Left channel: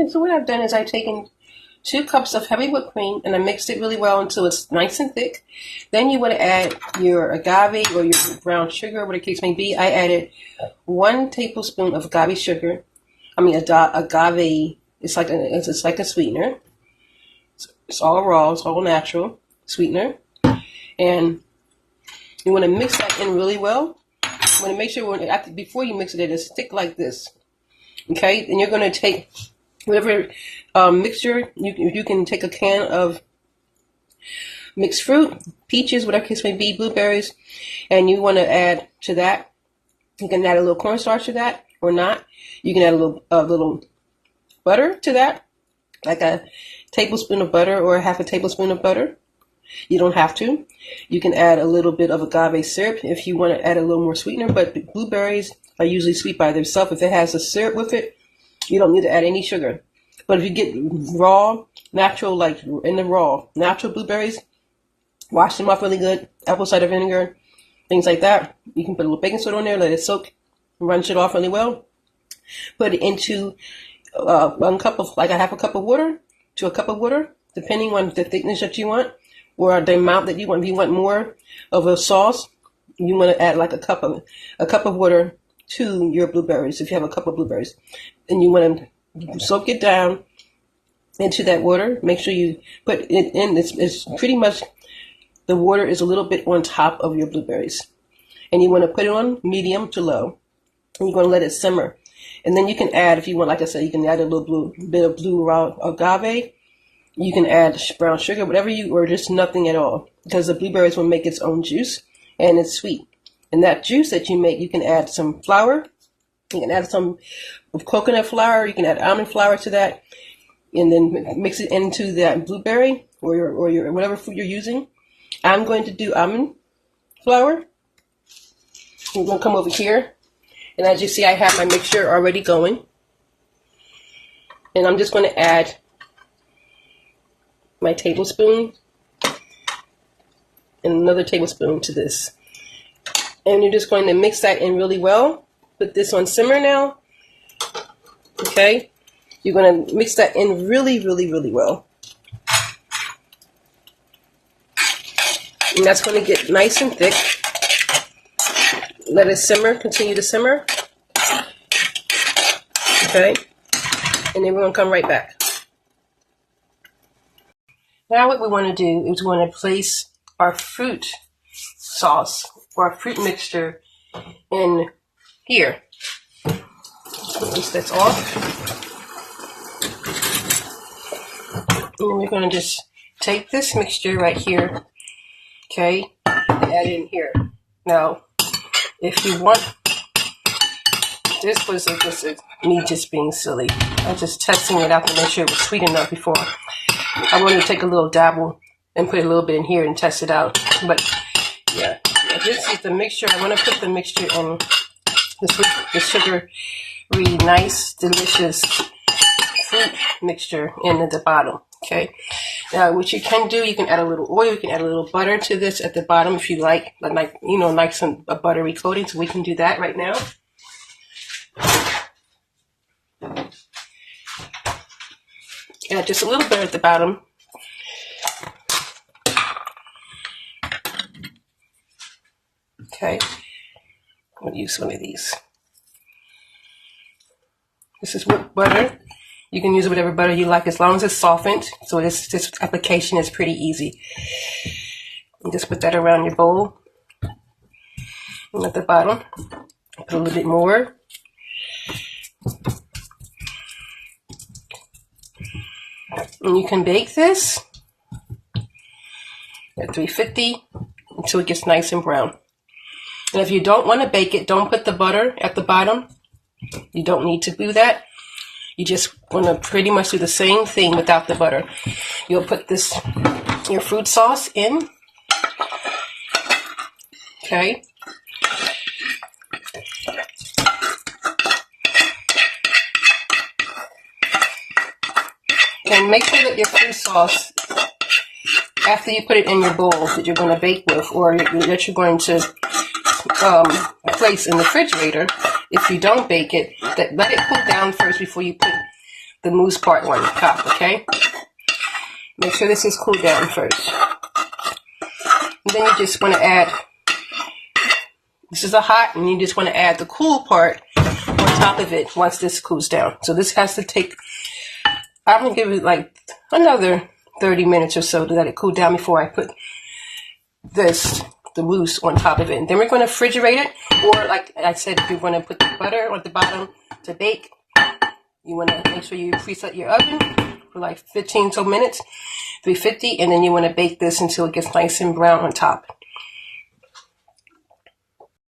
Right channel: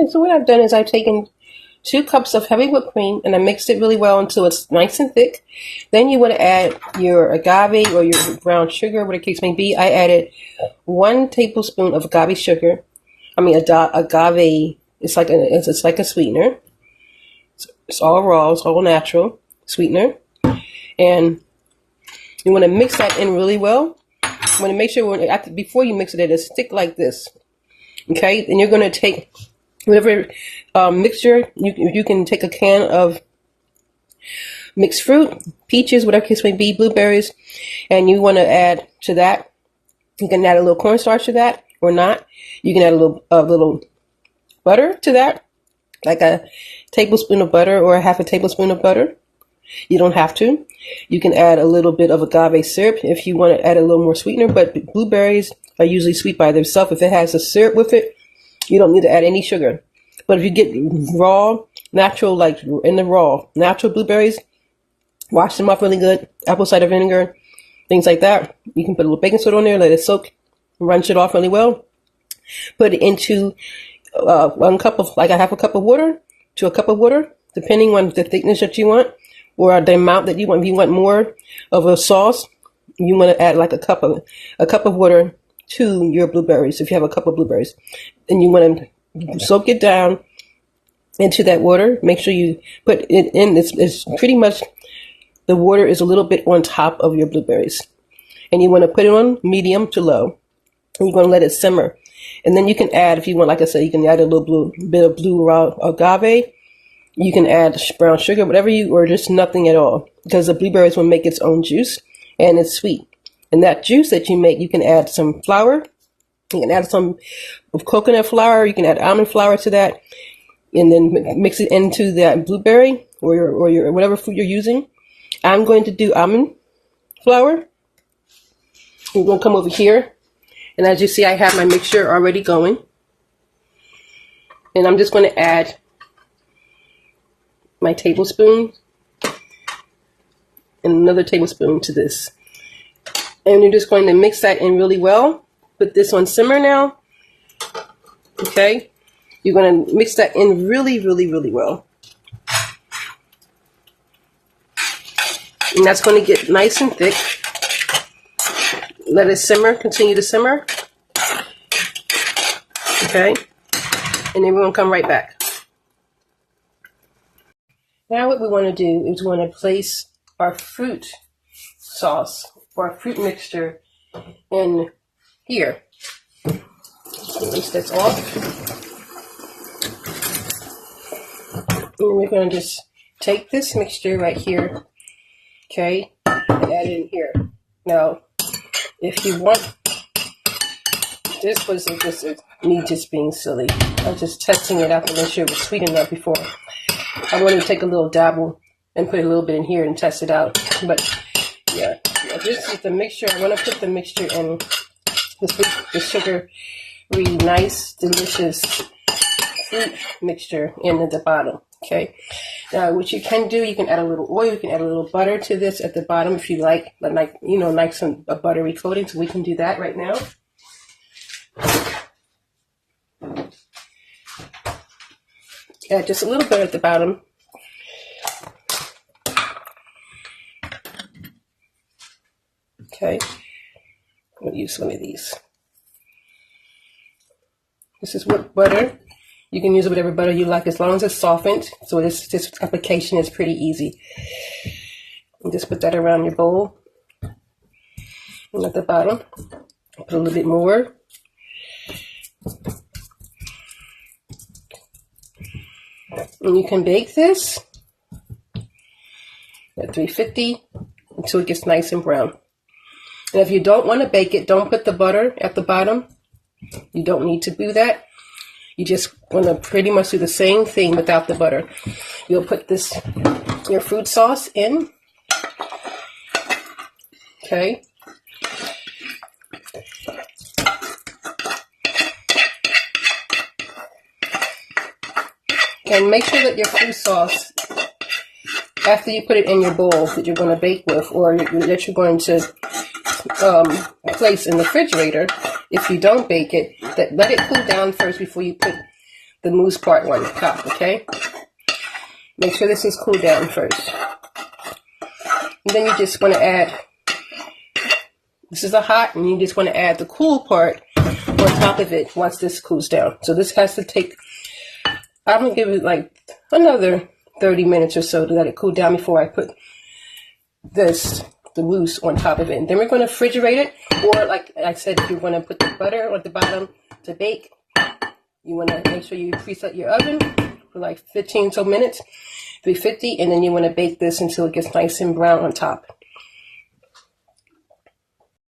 And so what I've done is I've taken 2 cups of heavy whipped cream and I mixed it really well until it's nice and thick. Then you want to add your agave or your brown sugar, whatever the case may be. I added 1 tablespoon of agave sugar. Agave. It's like a sweetener. It's all raw. It's all natural sweetener, and you want to mix that in really well. You want to make sure before you mix it's thick like this. Okay, and you're going to take whatever mixture you can take a can of mixed fruit, peaches, whatever case may be, blueberries, and you want to add to that. You can add a little cornstarch to that or not. You can add a little butter to that, like a tablespoon of butter or a half a tablespoon of butter. You don't have to. You can add a little bit of agave syrup if you want to add a little more sweetener, but blueberries are usually sweet by themselves. If it has a syrup with it, you don't need to add any sugar. But if you get raw, natural, like in the raw, natural blueberries, wash them off really good, apple cider vinegar, things like that. You can put a little baking soda on there, let it soak, rinse it off really well. Put it into 1 cup of, like a half a cup of water to a cup of water, depending on the thickness that you want or the amount that you want. If you want more of a sauce, you want to add like a cup of water to your blueberries. If you have a cup of blueberries, and you want to soak it down into that water, make sure you put it in. It's pretty much the water is a little bit on top of your blueberries, and you want to put it on medium to low, and you're going to let it simmer. And then you can add, if you want, like I said, you can add a little bit of blue raw agave. You can add brown sugar, or just nothing at all, because the blueberries will make its own juice, and it's sweet. And that juice that you make, you can add some flour. You can add some coconut flour. You can add almond flour to that, and then mix it into that blueberry or your whatever food you're using. I'm going to do almond flour. We're going to come over here. And as you see, I have my mixture already going. And I'm just going to add my tablespoon and another tablespoon to this. And you're just going to mix that in really well. Put this on simmer now. Okay. You're going to mix that in really, really, really well. And that's going to get nice and thick. Let it simmer, continue to simmer. Okay. And then we're going to come right back. Now what we want to do is we want to place our fruit sauce or our fruit mixture in here. Rinse this off. And we're going to just take this mixture right here, okay, and add it in here. Now, if you want, this was just me just being silly. I was just testing it out to make sure it was sweet enough before. I wanted to take a little dabble and put a little bit in here and test it out. But yeah, this is the mixture. I want to put the mixture in the sugary, nice, delicious fruit mixture in at the bottom. Okay. Now, what you can do, you can add a little oil, you can add a little butter to this at the bottom if you like a buttery coating. So we can do that right now. Add just a little bit at the bottom. Okay. I'm going to use one of these. This is butter. You can use whatever butter you like as long as it's softened. So this application is pretty easy. And just put that around your bowl. And at the bottom, put a little bit more. And you can bake this at 350 until it gets nice and brown. And if you don't want to bake it, don't put the butter at the bottom. You don't need to do that. You just want to pretty much do the same thing without the butter. You'll put your fruit sauce in. Okay. And make sure that your fruit sauce, after you put it in your bowl that you're going to bake with, or that you're going to place in the refrigerator, if you don't bake it, let it cool down first before you put the mousse part on top, okay? Make sure this is cooled down first. And then you just want to add, this is a hot, and you just want to add the cool part on top of it once this cools down. So this has to take, I'm going to give it like another 30 minutes or so to let it cool down before I put the mousse on top of it. And then we're going to refrigerate it, or like I said, if you want to put the butter at the bottom to bake, you want to make sure you preset your oven for like 15 so minutes, 350, and then you want to bake this until it gets nice and brown on top.